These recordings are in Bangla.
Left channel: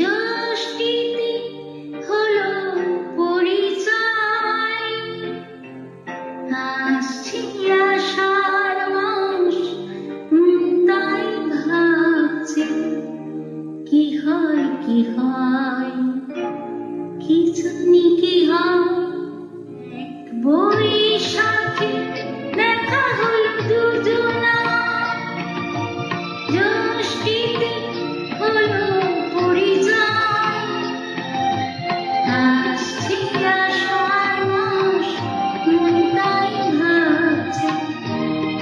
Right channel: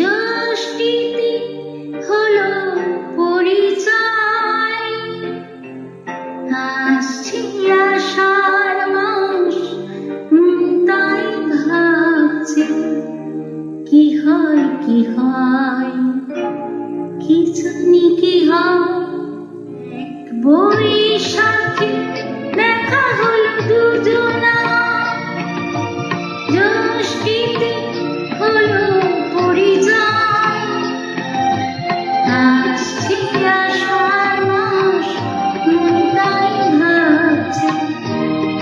যষ্টিতে হলো পরিচয়, আসছে আষাঢ় মাস, তাই ভাবছে কি হয় কি হয়, কি জানি কি হয়। এক বৈশাখে দেখা হলো দুজনা, যষ্টিতে হলো পরিচয়, আসছে আষাঢ় মাস, তাই ভাবছে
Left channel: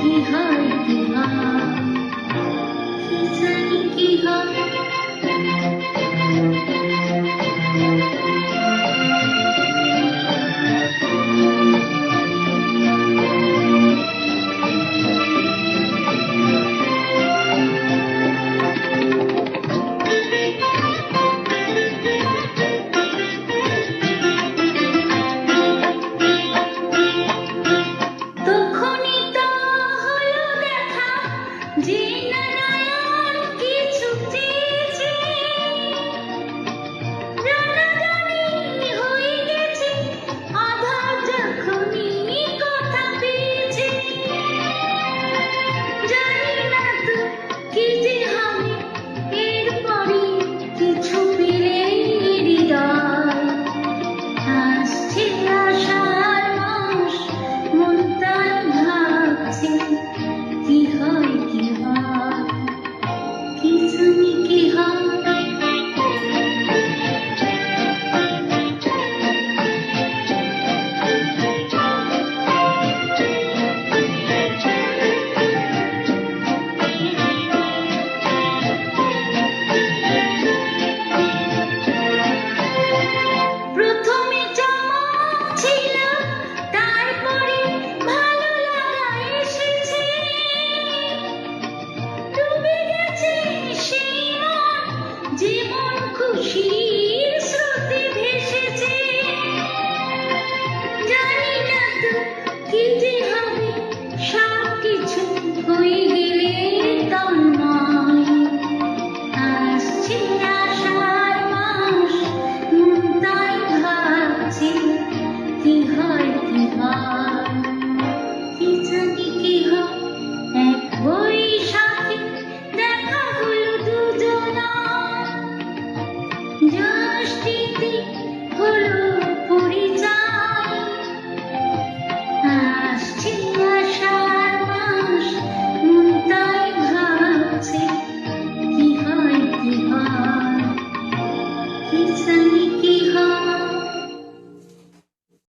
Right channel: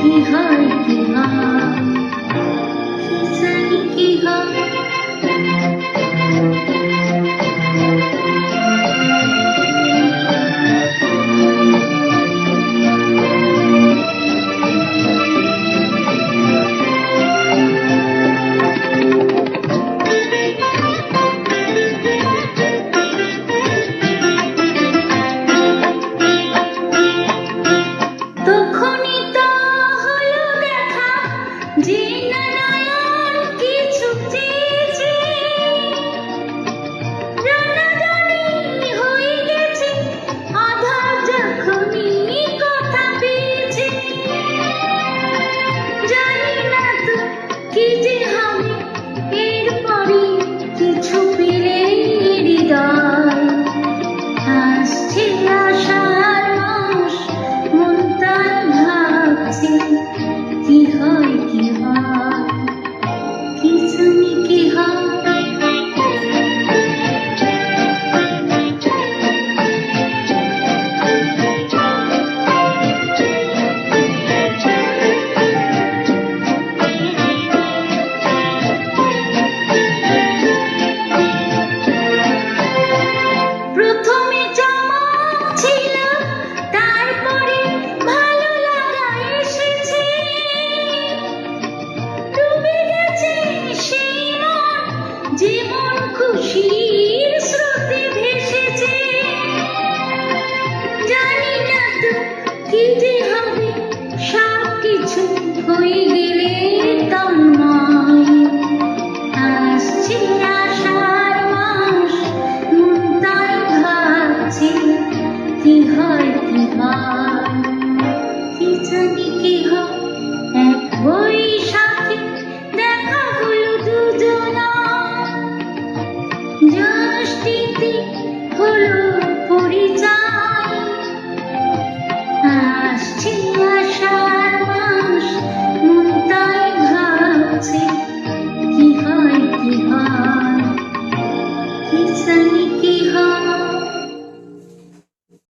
কি হয় কি হয়, কি জানি কি হয়। তখনই তো হলো দেখা, যে নারায়ণ কিছু চেয়েছে, জানাজানি হয়ে গেছে, আধার যখনই কথা পেয়েছে। জানি না তো কি যে হবে এরপরই, কিছু পেলে হৃদয়, আসছে আষাঢ় মাস, মন তাই ভাবছে কি হয় কি হয়, কি জানি কি হয়। প্রথমে চমক ছিল, তারপরে ভালো লাগা এসেছে, ডুবে গেছে সেই মন, যে মন খুশি